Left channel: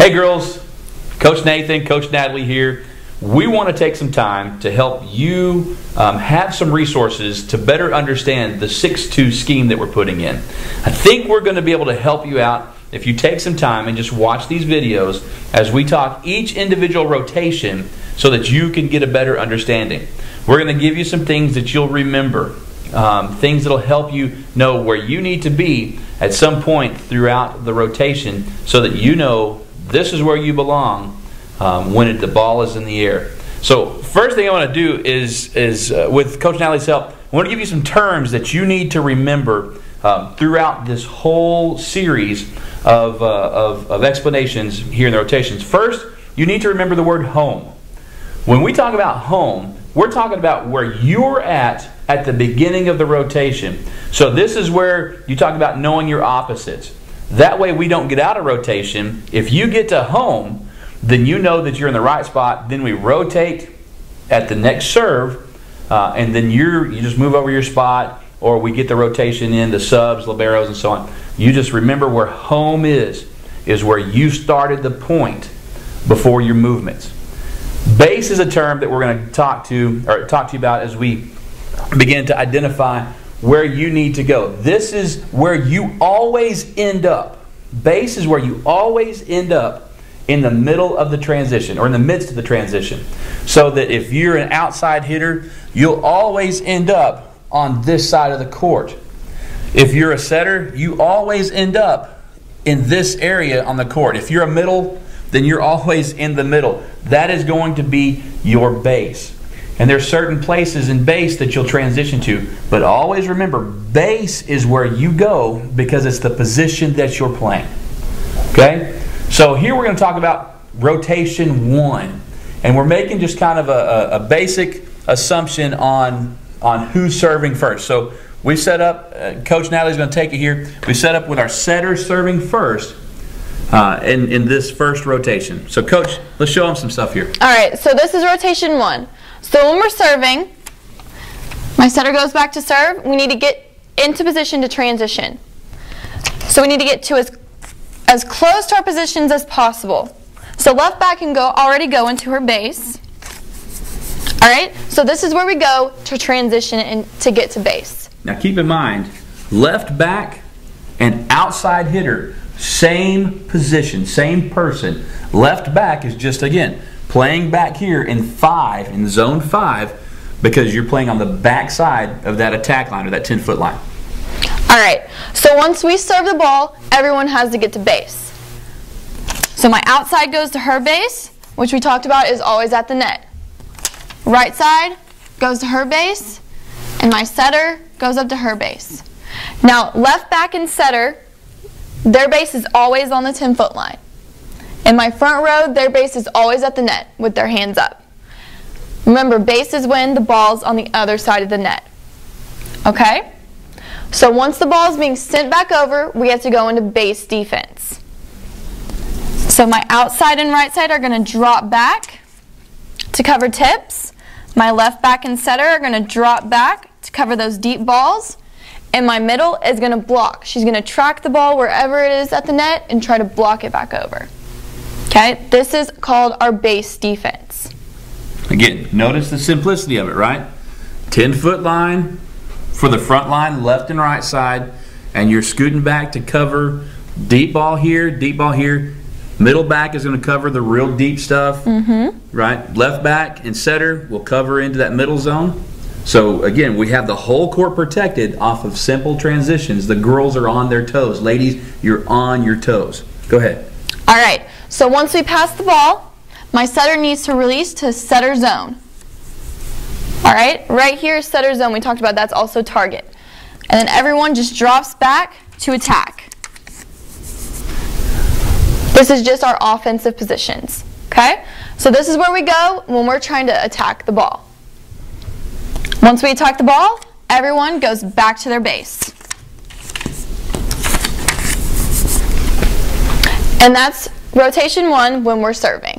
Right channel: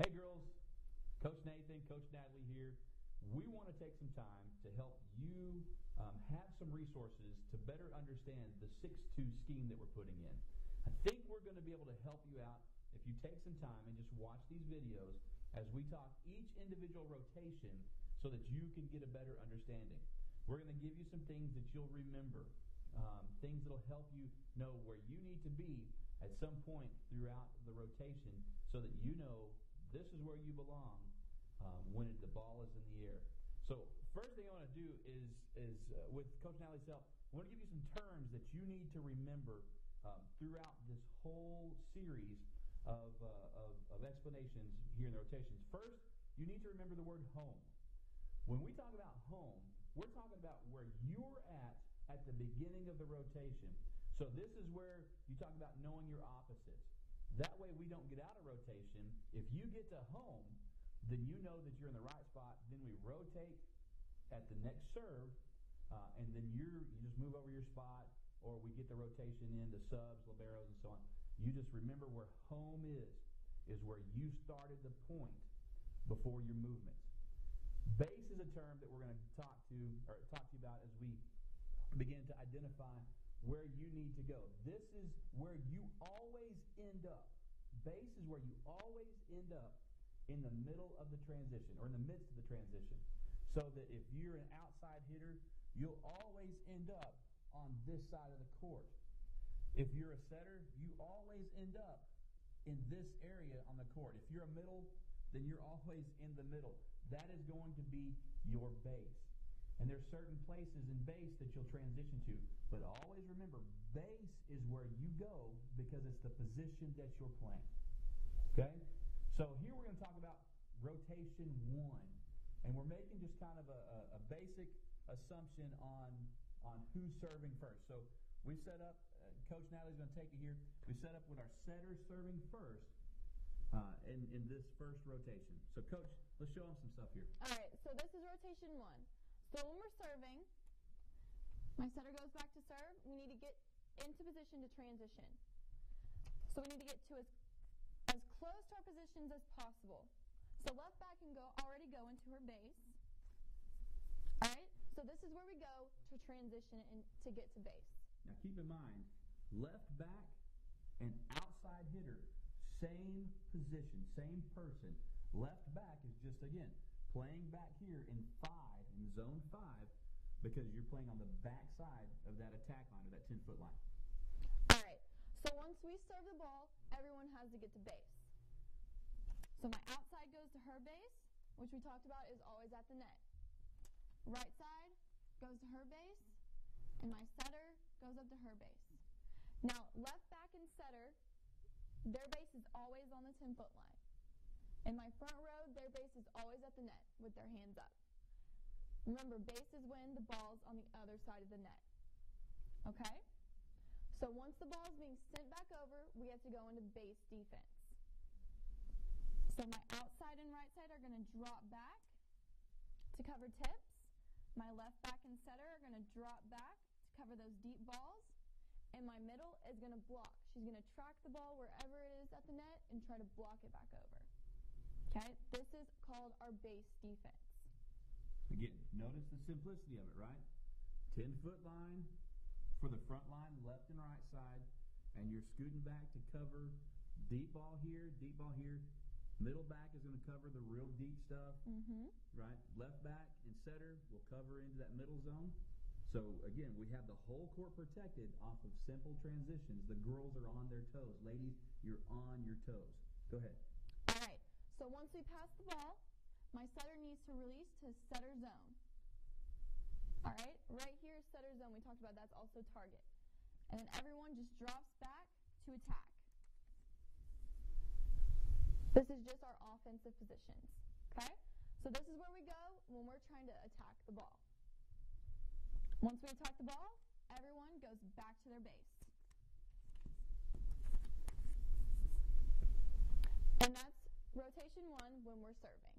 Hey girls, Coach Nathan, Coach Natalie here. We want to take some time to help you have some resources to better understand the 6-2 scheme that we're putting in. I think we're going to be able to help you out if you take some time and just watch these videos as we talk each individual rotation so that you can get a better understanding. We're going to give you some things that you'll remember, things that will help you know where you need to be at some point throughout the rotation so that you know this is where you belong when the ball is in the air. So first thing I want to do is with Coach Natalie's help, I want to give you some terms that you need to remember throughout this whole series of explanations here in the rotations. First, you need to remember the word home. When we talk about home, we're talking about where you're at the beginning of the rotation. So this is where you talk about knowing your opposites. That way we don't get out of rotation. If you get to home, then you know that you're in the right spot. Then we rotate at the next serve, and then you just move over your spot, or we get the rotation in, the subs, liberos, and so on. You just remember where home is where you started the point before your movements. Base is a term that we're going to talk to you about as we begin to identify where you need to go. This is where you always end up. Base is where you always end up in the middle of the transition or in the midst of the transition. So that if you're an outside hitter, you'll always end up on this side of the court. If you're a setter, you always end up in this area on the court. If you're a middle, then you're always in the middle. That is going to be your base. And there's certain places in base that you'll transition to. But always remember, base is where you go because it's the position that you're playing. Okay? So here we're going to talk about rotation 1. And we're making just kind of a basic assumption on who's serving first. So we set up, Coach Natalie's going to take it here. We set up with our setter serving first in this first rotation. So Coach, let's show them some stuff here. All right, so this is rotation 1. So when we're serving, my setter goes back to serve. We need to get into position to transition. So we need to get to as close to our positions as possible. So left back can already go into her base. All right, so this is where we go to transition and to get to base. Now keep in mind, left back and outside hitter, same position, same person. Left back is just, again, playing back here in 5, in zone 5, because you're playing on the back side of that attack line or that 10-foot line. All right, so once we serve the ball, everyone has to get to base. So my outside goes to her base, which we talked about is always at the net. Right side goes to her base, and my setter goes up to her base. Now, left back and setter, their base is always on the 10-foot line. In my front row, their base is always at the net with their hands up. Remember, base is when the ball's on the other side of the net. Okay? So once the ball is being sent back over, we have to go into base defense. So my outside and right side are going to drop back to cover tips. My left back and setter are going to drop back to cover those deep balls. And my middle is going to block. She's going to track the ball wherever it is at the net and try to block it back over. Okay, this is called our base defense. Again, notice the simplicity of it, right? 10-foot line for the front line, left and right side, and you're scooting back to cover deep ball here, deep ball here. Middle back is going to cover the real deep stuff, right? Left back and setter will cover into that middle zone. So again, we have the whole court protected off of simple transitions. The girls are on their toes. Ladies, you're on your toes. Go ahead. All right, so once we pass the ball, my setter needs to release to setter zone. All right, right here is setter zone. We talked about that's also target. And then everyone just drops back to attack. This is just our offensive positions, okay? So this is where we go when we're trying to attack the ball. Once we attack the ball, everyone goes back to their base. And that's rotation 1 when we're serving.